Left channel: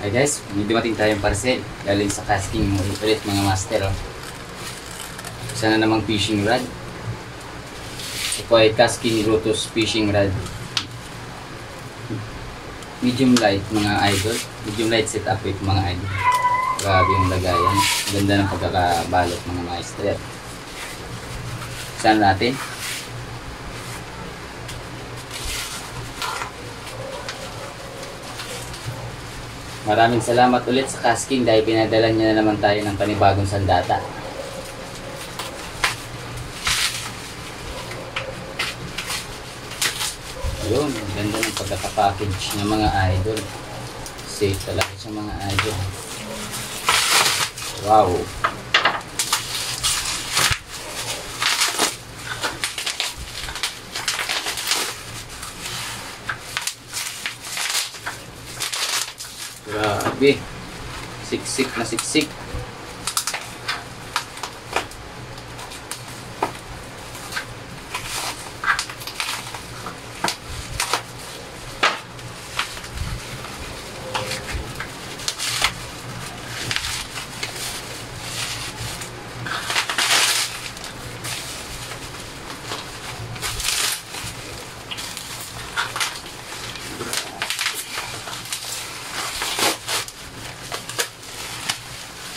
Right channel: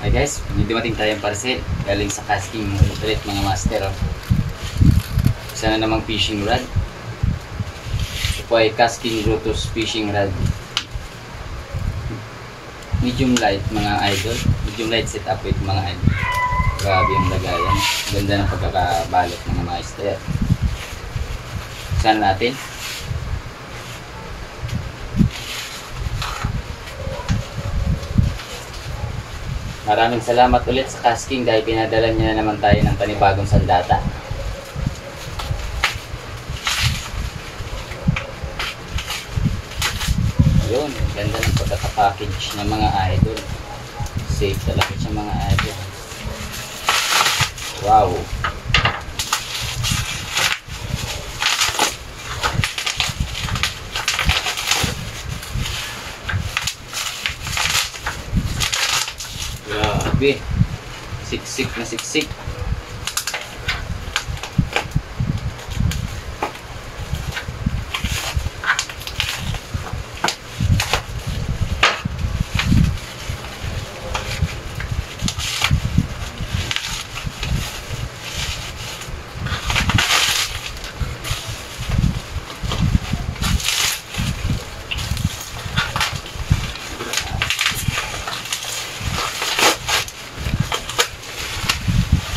Hi guys, may dumating tayong parcel galing sa casting ulit mga master. Isa na namang fishing rod. Ito po ay casting Brutus fishing rod. Medium light mga idol. Medium light setup ito mga idol. Grabe yung lagayan. Ganda ng pagkakabalot mga master. Saan natin? Maraming salamat ulit sa casting dahil pinadala niya na naman tayo ng panibagong sandata. Ayun, ganda ng pagkakapackage ng mga idol. Safe talaga siya mga idol. Wow! Grabe, siksik na siksik.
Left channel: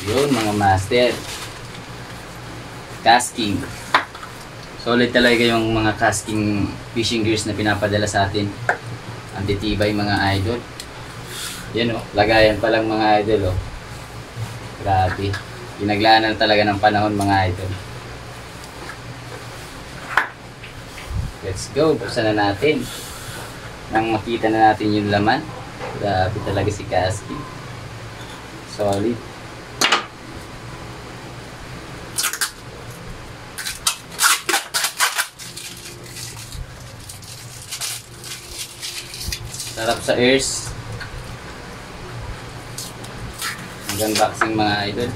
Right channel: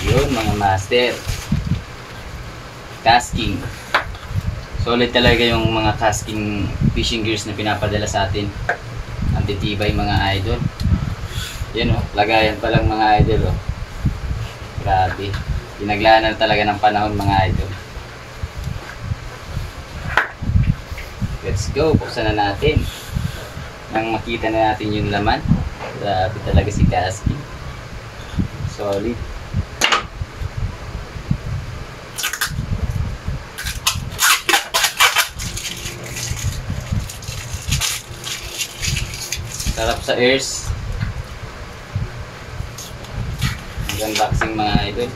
Yun mga master, casting solid talaga yung mga casting fishing gears na pinapadala sa atin. Antitibay mga idol. Yan o, lagayan pa lang mga idol o. Grabe, pinaglanan talaga ng panahon mga idol. Let's go, buksan na natin nang makita na natin yung laman. Grabe talaga si casting, solid. Sarap sa ears. Mag-unboxing mga idol.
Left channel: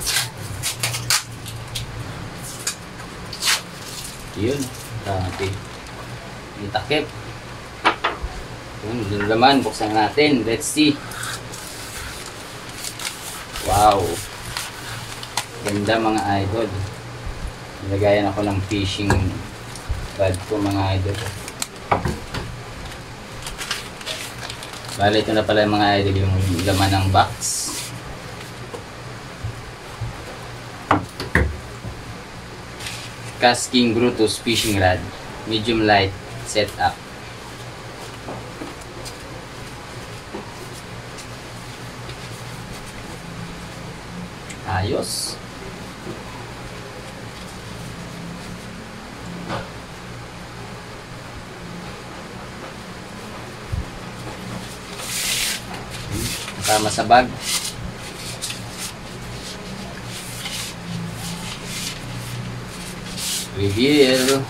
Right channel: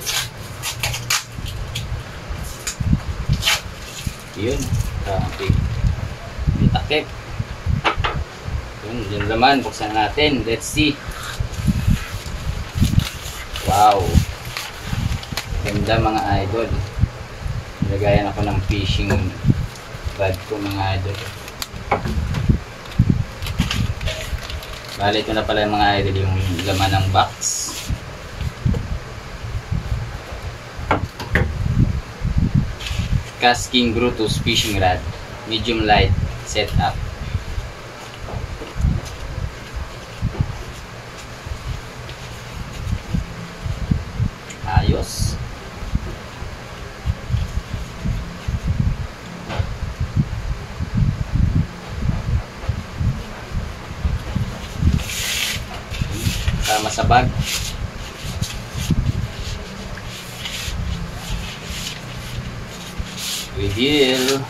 Yun, grabe. Yung takip. Yun, yung laman, buksan natin. Let's see. Wow. Ganda mga idol. Nilagayan ako ng fishing rod ko mga idol. Bale, ito na pala yung mga idol, yung laman ng box. Casting Brutus fishing rod, medium light setup. Ayos. Sama sa bag. Reveal.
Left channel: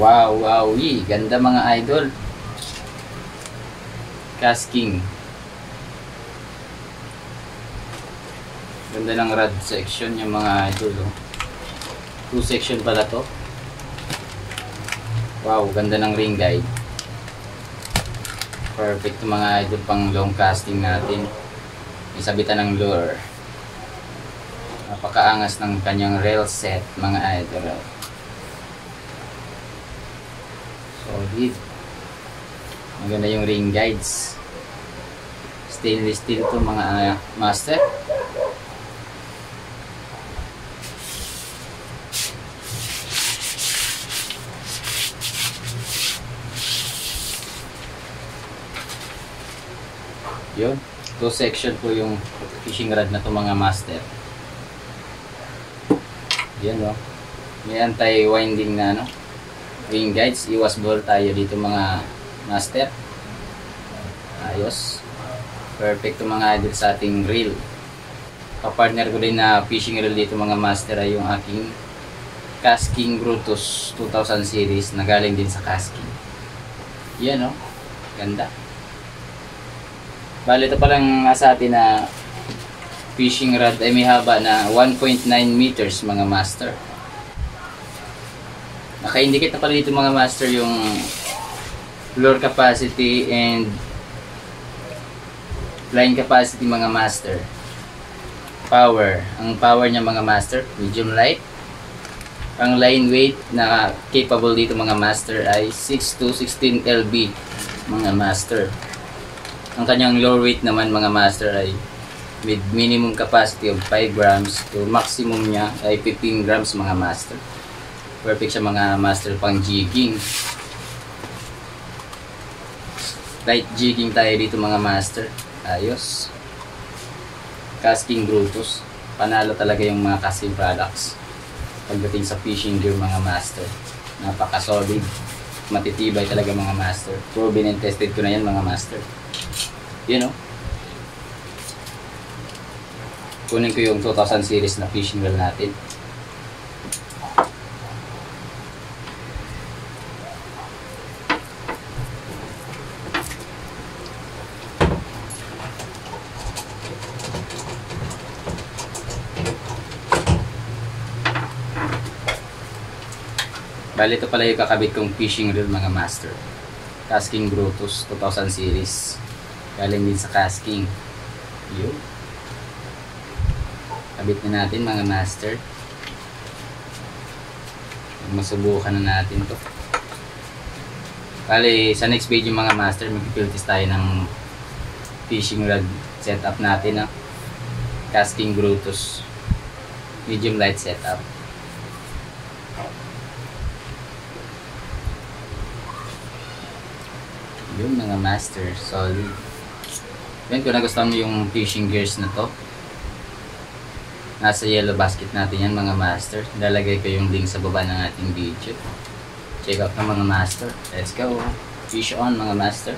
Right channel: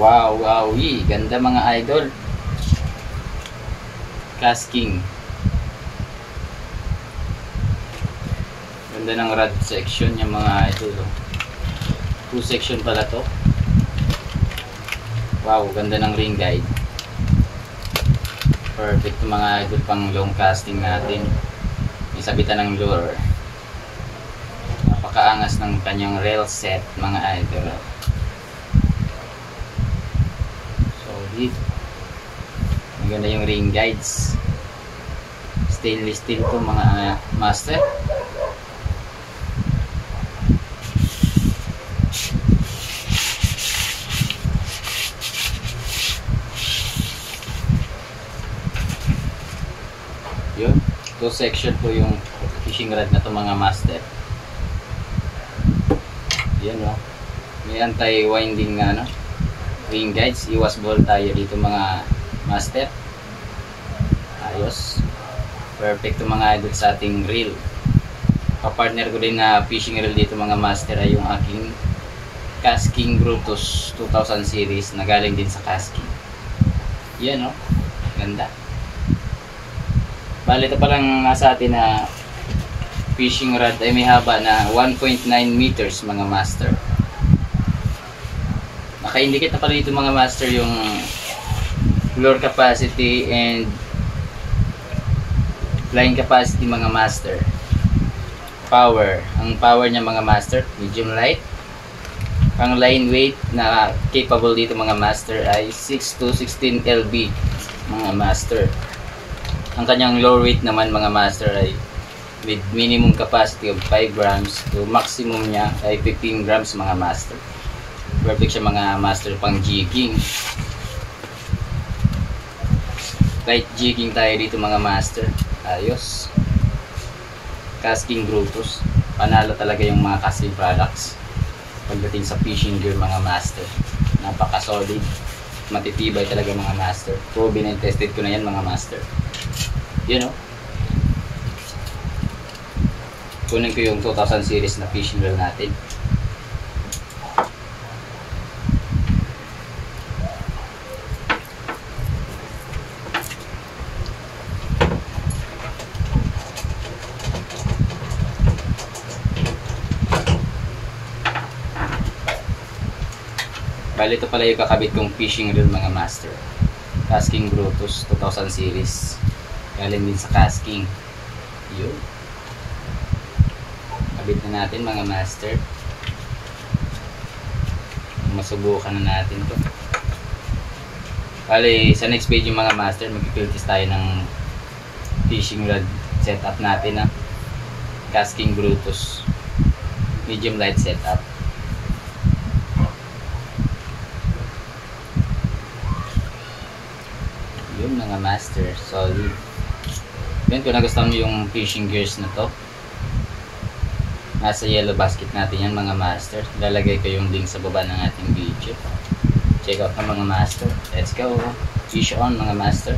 Wow, wow, ganda mga idol. Casting. Ganda ng rod section yung mga idol. 2 section pala to. Wow, ganda ng ring guide. Perfect mga idol pang long casting natin. Isabitan ng lure. Napakaangas ng kanyang reel set mga idol. Solid. Maganda yung ring guides. Stainless steel to mga master. Yun, 2 section po yung fishing rod na to mga master. Yan o, may anti-winding na ano, ring guides. Iwas ball tayo dito mga master. Ayos, perfect to mga idol sa ating reel. Kapartner ko din na fishing reel dito mga master ay yung aking Casting Brutus 2000 series na galing din sa casting. Yan o, ganda. Bali, ito palang nasa atin na fishing rod ay may haba na 1.9 meters mga master. Naka-indicate na pala dito mga master yung lure capacity and Line capacity mga master. Power. Ang power niya mga master, medium light. Ang line weight na capable dito mga master ay 6 to 16 lb mga master. Ang kanyang low weight naman mga master ay with minimum capacity of 5 grams to maximum niya ay 15 grams mga master. Perfect siya mga master pang jigging. Light jigging tayo dito mga master. Ayos. Casking Brutus. Panalo talaga yung mga casting products pagdating sa fishing gear mga master. Napaka solid, matitibay talaga mga master. Proven and tested ko na yan mga master. You know, kunin ko yung 2000 series na fishing reel natin. Bali, ito pala yung kakabit kong fishing reel mga master. Casking Brutus 2000 series. Galing din sa casking. Yun. Kabit na natin mga master. Masubukan na natin to. Bali, sa next video mga master, mag-filtis tayo ng fishing rod setup natin. Casking Brutus. Medium light setup. Yun mga master, solid. Yan, kung nagustuhan mo yung fishing gears na to, nasa yellow basket natin yan mga master. Lalagay ko yung link sa baba ng ating video. Check out na mga master. Let's go. Fish on mga master.